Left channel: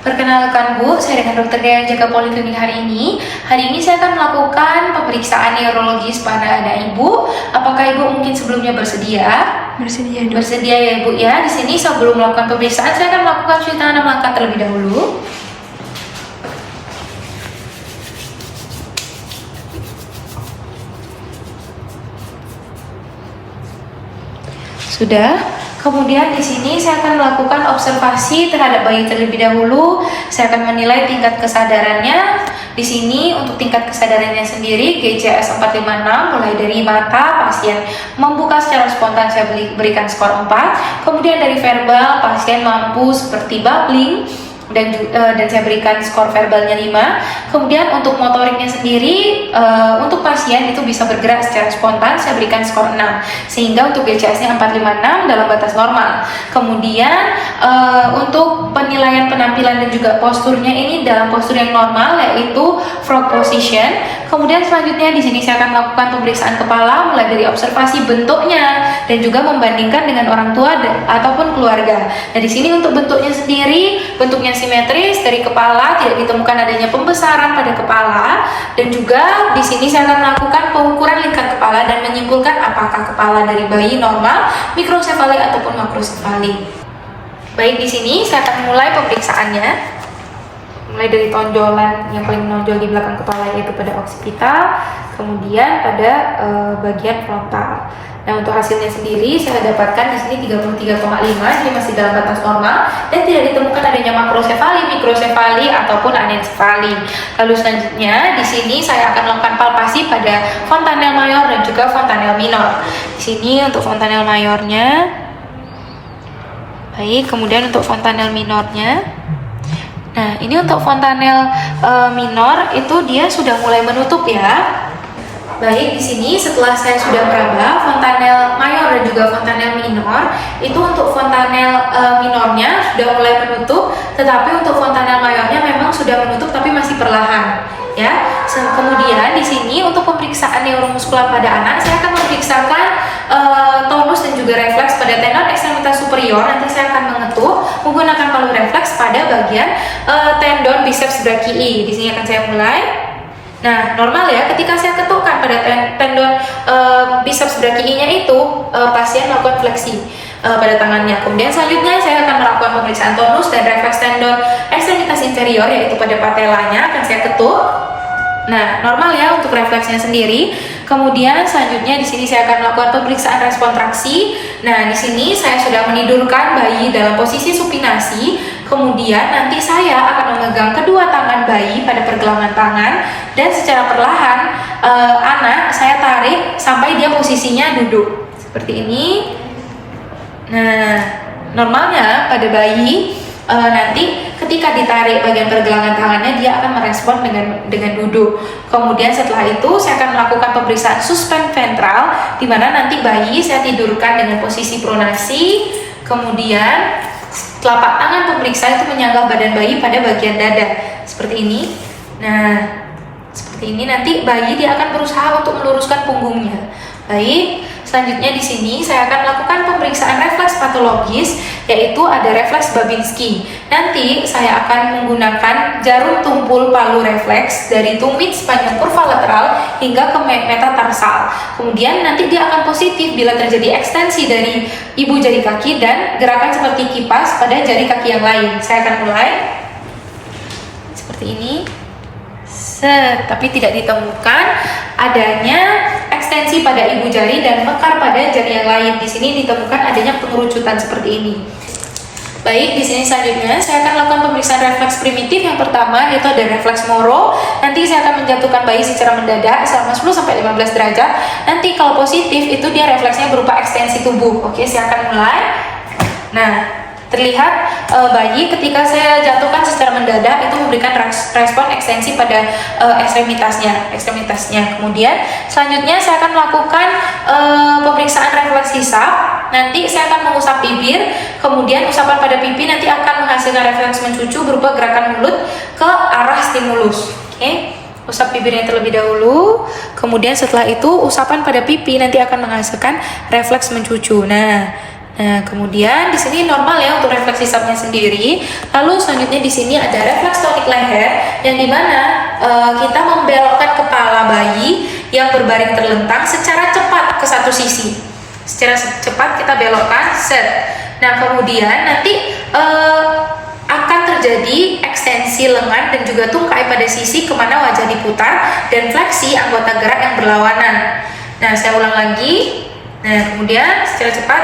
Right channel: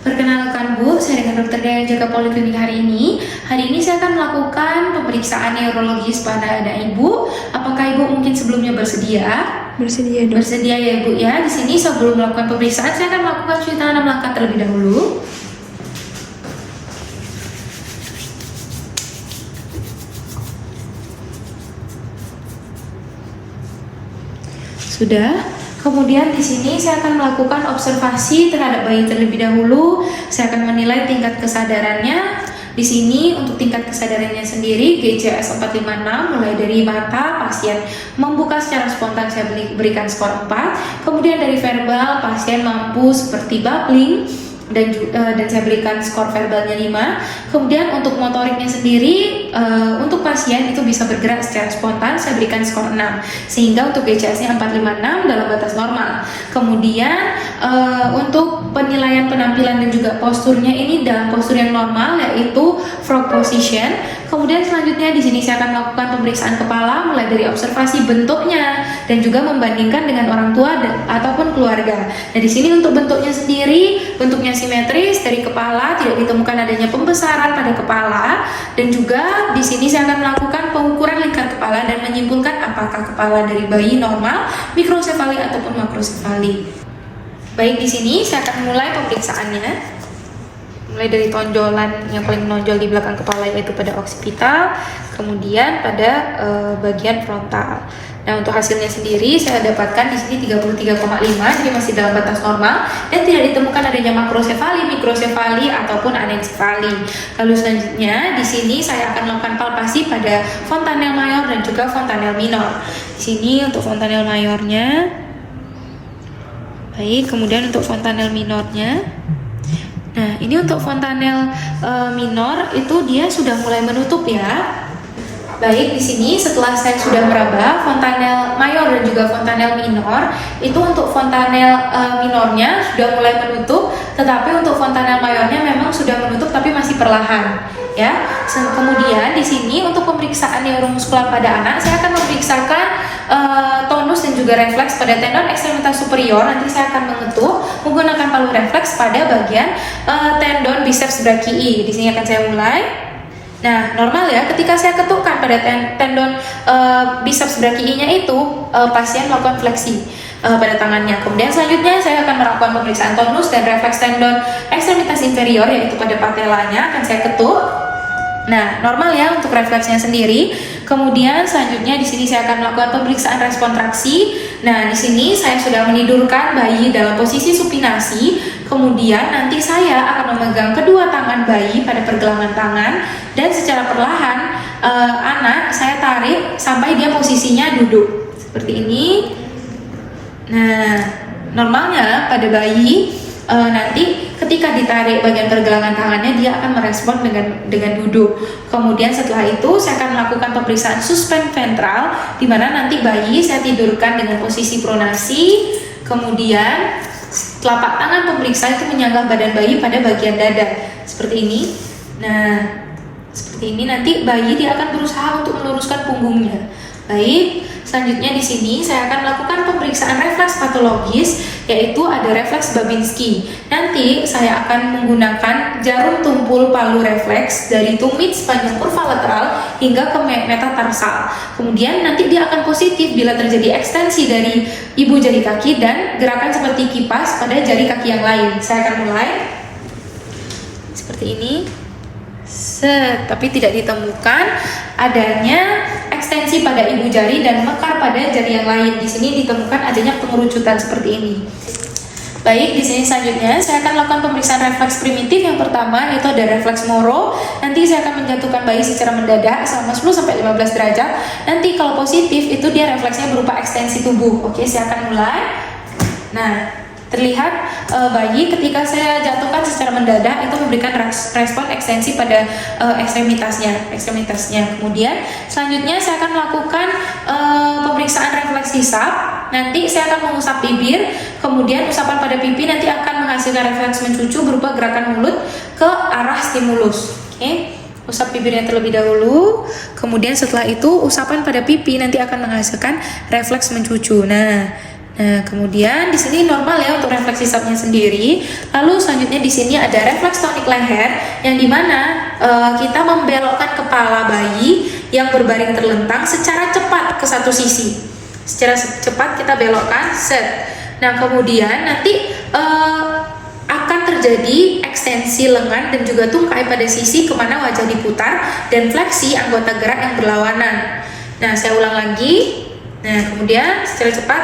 Perkenalkan Bu, saya dengan Dokter Dea yang jaga poliklinik hari ini. Hari ini saya akan melakukan pemeriksaan neurologis pada anak Ibu. Apakah Ibu mungkin sebelumnya bersedia? Bersedia, Dok. Bersedia ya Bu ya. Di sini sebelum melakukan pemeriksaan saya akan melakukan cuci tangan 6 langkah terlebih dahulu. Sudah. Kemudian di sini saya akan melakukan observasi terhadap bayi terlebih dahulu. Saya akan menilai tingkat kesadarannya. Di sini untuk tingkat kesadarannya sendiri GCS 456 mulai dari mata pasien membuka secara spontan saya berikan skor 4. Kemudian dari verbal pasien mampu seperti babbling dan saya berikan skor verbalnya 5. Kemudian untuk motoriknya sendiri untuk pasien itu bisa bergerak secara spontan saya berikan skor 6, sehingga untuk GCS-nya 456 dalam batas normal. Kemudian untuk penilaian penampilan dan juga posturnya ini dalam postur yang normal, yaitu frog position. Kemudian selanjutnya di sini saya akan melakukan pemeriksaan kepala mulai dari observasi bentuknya dan juga membandingkan dengan orang tua ataupun keluarga. Nah, di sini untuk bentuknya sendiri, bentuknya simetris dari kepala, tidak ditemukan adanya pembesaran pada kepala, dan juga di sini saya akan melakukan pengukuran lingkar kepala dan menyimpulkan apakah kepala dari bayi normal, mikrosefali ataupun makrosefali. Baik, di sini saya akan mulai pemeriksaannya. Mulai dari tonjolan yang paling menonjol di belakang kepala yaitu pada occipital, kemudian pada bagian frontal. Nah, untuk hasilnya sendiri saya dapatkan di sini 33,5, jadi masih dalam batas normal dan tidak ditemukan adanya makrosefali, mikrosefali ataupun anencefali. Lalu selanjutnya di sini saya akan melakukan palpasi pada fontanel mayor dan juga fontanel minor. Di sini untuk fontanel mayornya. Baik, kemudian untuk fontanel minornya. Nah, ini untuk fontanel minor itu dia sudah mulai menutup ya. Baik, di sini setelah saya sudah meraba fontanel mayor dan juga fontanel minor, itu untuk fontanel minornya sudah mulai menutup, tetapi untuk fontanel mayornya memang sudah menutup tapi masih perlahan. Ya, kemudian di sini untuk pemeriksaan neuromuskular pada anak, saya akan memeriksakan tonus dan juga refleks pada tendon ekstremitas superior. Nanti saya akan mengetuk menggunakan palu refleks pada bagian tendon biceps brachii. Di sini akan saya mulai. Nah, normal ya, ketika saya ketukkan pada tendon biceps brachii-nya itu, pasien melakukan fleksi pada tangannya. Kemudian selanjutnya saya akan melakukan pemeriksaan tonus dan refleks tendon ekstremitas inferior, yaitu pada patelanya akan saya ketuk. Nah, normal ya untuk refleksnya sendiri. Kemudian selanjutnya di sini saya akan melakukan pemeriksaan respon traksi. Nah, di sini saya sudah menidurkan bayi dalam posisi supinasi. Kemudian nanti saya akan memegang kedua tangan bayi pada pergelangan tangan dan secara perlahan anak saya tarik sampai dia posisinya duduk seperti ini. Nah, normalnya pada bayi nanti ketika ditarik bagian pergelangan tangannya dia akan merespon dengan duduk. Kemudian setelah itu saya akan melakukan pemeriksaan suspend ventral, di mana nanti bayi saya tidurkan dengan posisi pronasi. Kemudian telapak tangan pemeriksa itu menyanggah badan bayi pada bagian dada seperti ini. Nah, seperti ini nanti bayi dia akan berusaha untuk meluruskan punggungnya. Baik, selanjutnya di sini saya akan melakukan pemeriksaan refleks patologis, yaitu ada refleks Babinski. Nanti saya akan menggunakan jarum tumpul palu refleks dari tumit sepanjang kurva lateral hingga ke metatarsal. Kemudian nanti dia akan positif bila terjadi ekstensi dari ibu jari kaki dan gerakan seperti kipas pada jari kaki yang lain. Saya akan mulai seperti ini. Tapi tidak ditemukan adanya ekstensi pada ibu jari dan mekar pada jari yang lain. Di sini ditemukan adanya pengerucutan seperti ini. Baik, di sini selanjutnya saya akan lakukan pemeriksaan refleks primitif. Yang pertama yaitu ada refleks Moro. Nanti saya akan menjatuhkan bayi secara mendadak selama 10-15 derajat. Nanti kalau positif itu dia refleksnya berupa ekstensi tubuh. Oke, saya akan mulai. Nah, terlihat bayi ketika saya jatuhkan secara mendadak itu memberikan respon ekstensi pada ekstremitasnya. Kemudian selanjutnya saya akan melakukan pemeriksaan refleks hisap. Nanti saya akan mengusap bibir, kemudian usapan pada pipi nanti akan menghasilkan refleks mencucu berupa gerakan mulut ke arah stimulus. Oke. Usap bibirnya terlebih dahulu, kemudian setelah itu usapan pada pipi nanti akan menghasilkan refleks mencucu. Nah, Nah, kemudian di sini normal ya untuk refleksi subnya sendiri. Lalu selanjutnya di sini ada refleks tonik leher yang dimana kita membelokkan kepala bayi yang berbaring terlentang secara cepat ke satu sisi. Secara cepat kita belokkan, set. Nah, kemudian nanti akan terjadi ekstensi lengan dan juga tungkai pada sisi kemana wajah diputar dan fleksi anggota gerak yang berlawanan. Nah, saya ulang lagi. Nah, kemudian secara cepat,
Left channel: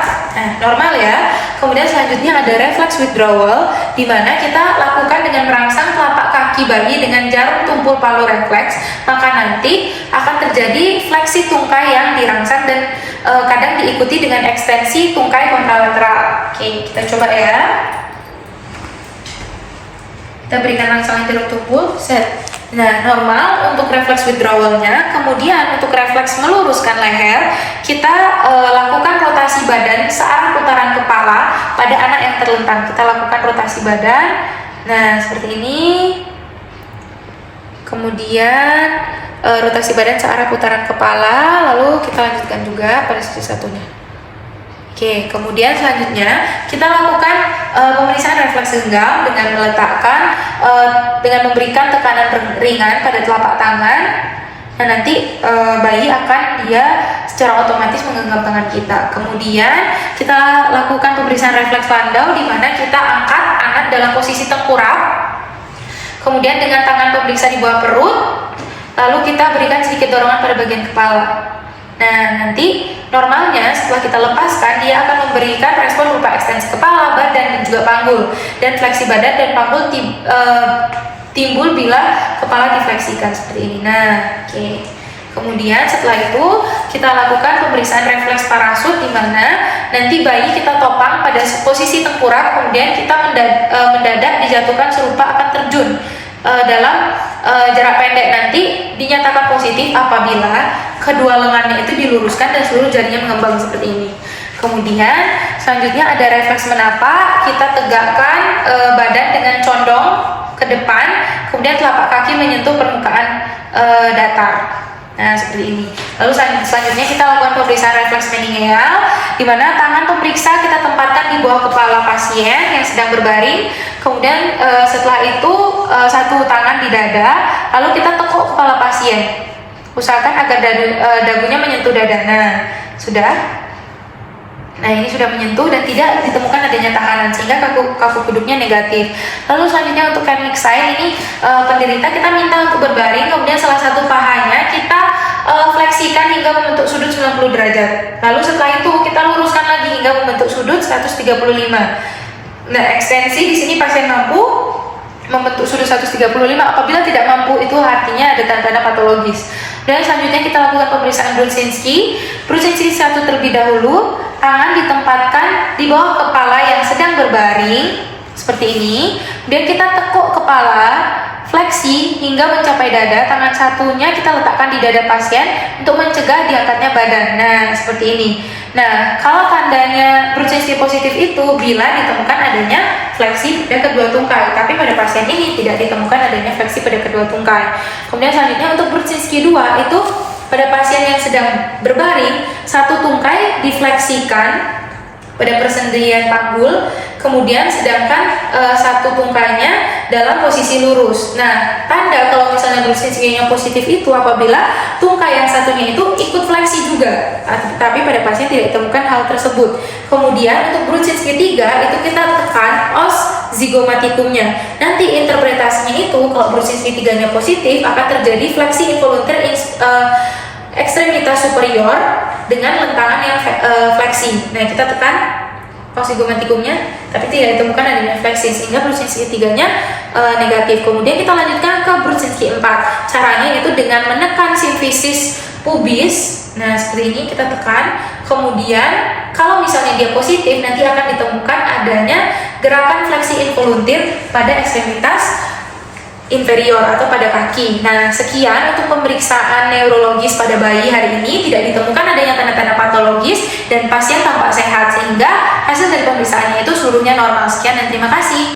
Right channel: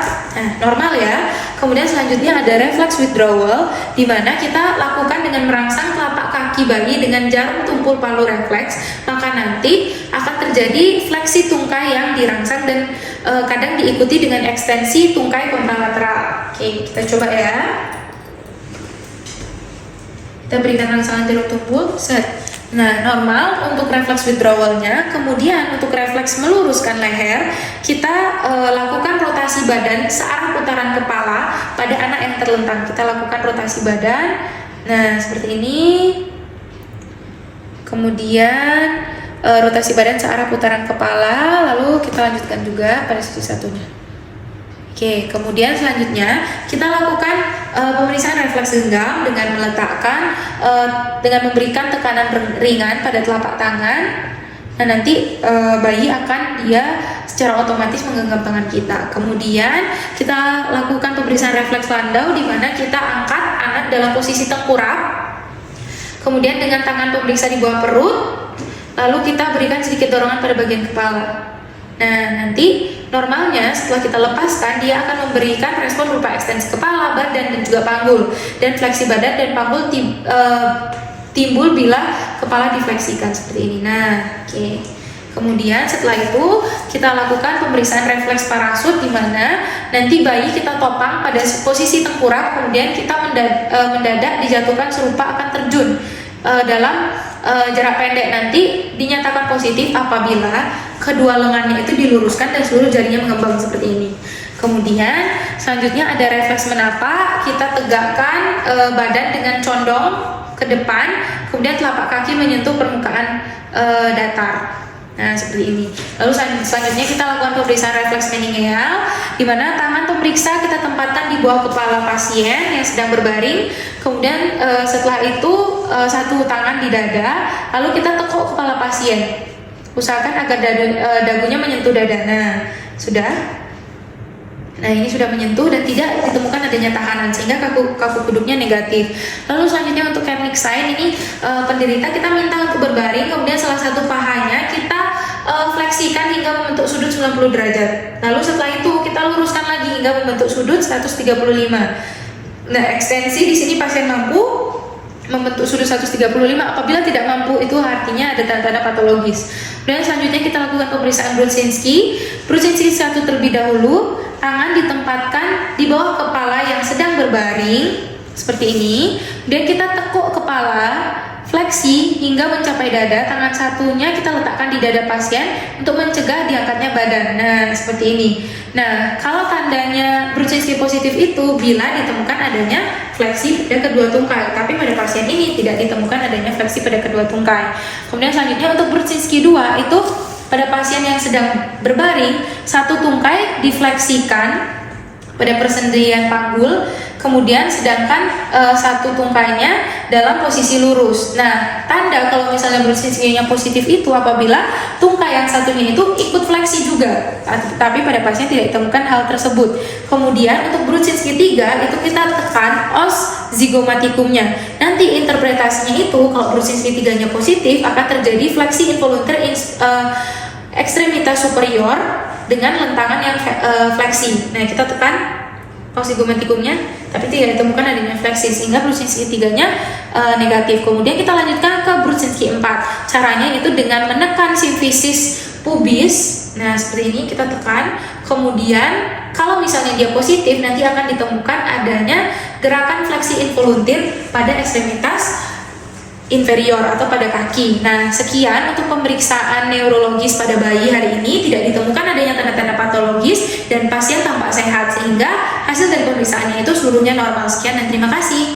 normal ya. Kemudian selanjutnya ada reflex withdrawal, di mana kita lakukan dengan merangsang telapak kaki bayi dengan jarum tumpul palu refleks. Maka nanti akan terjadi fleksi tungkai yang dirangsang dan kadang diikuti dengan ekstensi tungkai kontralateral. Oke, kita coba ya. Kita berikan rangsangan jarum tumpul, set. Nah, normal untuk refleks withdrawalnya. Kemudian untuk refleks meluruskan leher, kita lakukan rotasi badan searah putaran kepala pada anak yang terlentang. Kita lakukan rotasi badan. Nah, seperti ini. Kemudian rotasi badan searah putaran kepala. Lalu kita lanjutkan juga pada sisi satunya. Oke, kemudian selanjutnya kita lakukan pemeriksaan refleks genggam dengan meletakkan, dengan memberikan tekanan ringan pada telapak tangan. Nah, nanti bayi akan dia secara otomatis menggenggam tangan kita. Kemudian kita lakukan pemeriksaan refleks landau di mana kita angkat anak dalam posisi tengkurap. Kemudian dengan tangan pemeriksa di bawah perut, lalu kita berikan sedikit dorongan pada bagian kepala. Nah, nanti normalnya setelah kita lepaskan, dia akan memberikan respon berupa ekstensi kepala, badan, dan juga panggul. Dan fleksi badan dan panggul timbul bila kepala difleksikan seperti ini. Nah, oke. Kemudian setelah itu kita lakukan pemeriksaan refleks parasut di mana nanti bayi kita topang pada posisi tengkurap, kemudian kita mendadak dijatuhkan serupa akan terjun dalam jarak pendek. Nanti dinyatakan positif apabila kedua lengannya itu diluruskan dan seluruh jarinya mengembang seperti ini. Kemudian selanjutnya ada refleks menapa. Kita tegakkan badan dengan condong ke depan, kemudian telapak kaki menyentuh permukaan datar. Nah, seperti ini. Lalu selanjutnya kita lakukan pemeriksaan refleks meningeal, di mana tangan pemeriksa kita tempatkan di bawah kepala pasien yang sedang berbaring. Kemudian setelah itu satu tangan di dada, lalu kita tekuk kepala pasien. Usahakan agar dagunya menyentuh dada. Nah, sudah. Nah, ini sudah menyentuh dan tidak ditemukan adanya tahanan sehingga kaku kuduknya negatif. Lalu selanjutnya untuk Kenwick sign ini penderita kita minta untuk berbaring, kemudian salah satu pahanya kita fleksikan hingga membentuk sudut 90 derajat. Lalu setelah itu kita luruskan lagi hingga membentuk sudut 135. Nah, ekstensi di sini pasien mampu membentuk sudut 135. Apabila tidak mampu, itu artinya ada tanda-tanda patologis. Dan selanjutnya kita lakukan pemeriksaan Brudzinski. Brudzinski 1 terlebih dahulu, tangan ditempatkan di bawah kepala yang sedang berbaring seperti ini. Kemudian kita tekuk kepala, fleksi hingga mencapai dada. Tangan satunya kita letakkan di dada pasien untuk mencegah diangkatnya badan. Nah, seperti ini. Nah, kalau tandanya Brudzinski positif itu bila ditemukan adanya fleksi pada kedua tungkai, tapi pada pasien ini tidak ditemukan adanya fleksi pada kedua tungkai. Kemudian selanjutnya untuk Brudzinski 2 itu pada pasien yang sedang berbaring, satu tungkai difleksikan pada persendirian panggul, kemudian sedangkan satu tungkainya dalam posisi lurus. Nah, tanda kalau misalnya Brudzinski-nya positif itu apabila tungkai yang satunya itu ikut fleksi juga, tapi pada pasien tidak ditemukan hal tersebut. Kemudian untuk Brudzinski 3 itu kita tekan os zigomatikumnya. Nanti interpretasinya itu kalau Brudzinski 3-nya positif akan terjadi fleksi involunter ekstremitas superior dengan lentangan yang fleksi. Nah, kita tekan os zigomatikumnya, tapi tidak ditemukan adanya fleksi sehingga Brudzinski 3-nya negatif. Kemudian kita lanjutkan ke Brudzinski 4. Caranya itu dengan menekan simfisis pubis. Nah, seperti ini kita tekan. Kemudian kalau misalnya dia positif, nanti akan ditemukan adanya gerakan fleksi involuntir pada ekstremitas inferior atau pada kaki. Nah, sekian untuk pemeriksaan neurologis pada bayi hari ini. Tidak ditemukan adanya tanda-tanda patologis dan pasien tampak sehat sehingga hasil dari pemeriksaannya itu seluruhnya normal. Sekian dan terima kasih.